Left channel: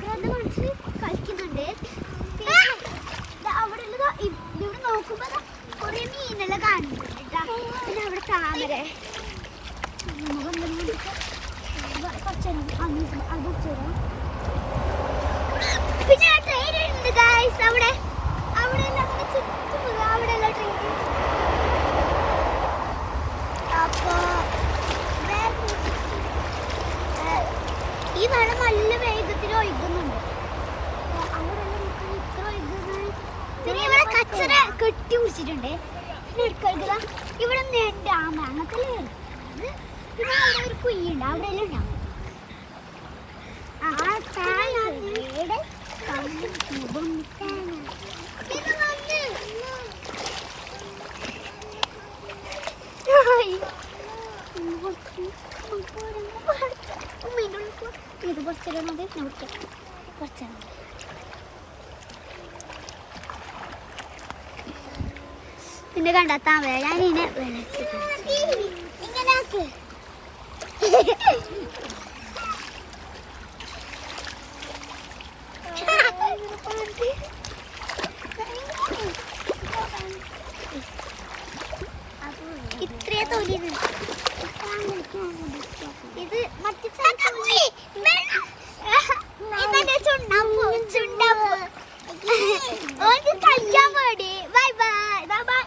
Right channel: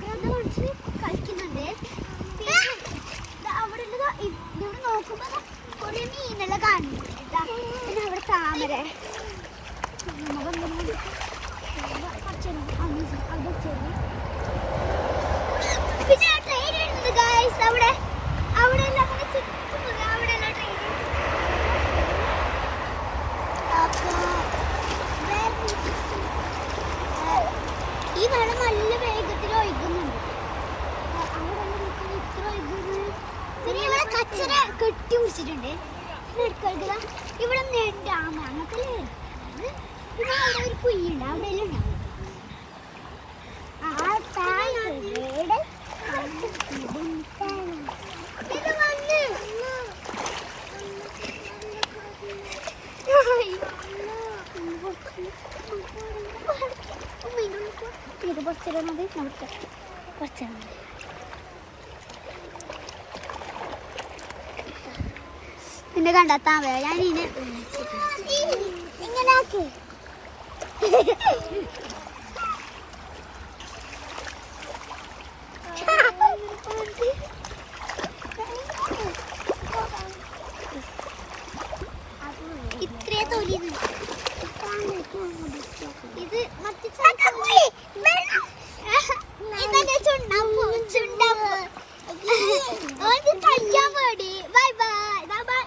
ആക്രാന്ത കാണിച്ച് കളിക്കുന്നുണ്ട്. അവിടെ ഇവിടെ നോക്കുമ്പോ കൊറേ മീനെല്ലാം കാണുന്നുണ്ട്. പിന്നെ അവിടെ താമര പിന്നെ ട്രെയിൻ ഉണ്ട് ഗൈസ്. അവിടെ അവിടെ എല്ലാം അങ്ങനെ ചുറ്റും അവിടെ എല്ലാം ട്രെയിൻ. അപ്പൊ ഈ വെള്ളം നല്ല വേഗത്തിൽ ഒഴുകുന്നുണ്ട്. അവിടെ ഇത്ര ഒഴുകുന്നത്. പിന്നെ ഇവിടെ കച്ചറ കെട്ടി കുടിച്ചിട്ടുണ്ട്. പിന്നെ ഇവിടെ ഡാം അങ്ങനത്തെ പിന്നെ അവിടെ ഒരു കുയ്യുണ്ട്. അവിടെ എല്ലാം ഉണ്ടാവും. പിന്നെ കണ്ടെത്താൻ വേഴാനിനെ ഇങ്ങനെ ആക്കി ഇത്രേ തൊലി ഇത് മറ്റേ കളിക്കാൻ വേണ്ടി. Bye bye. Bye bye.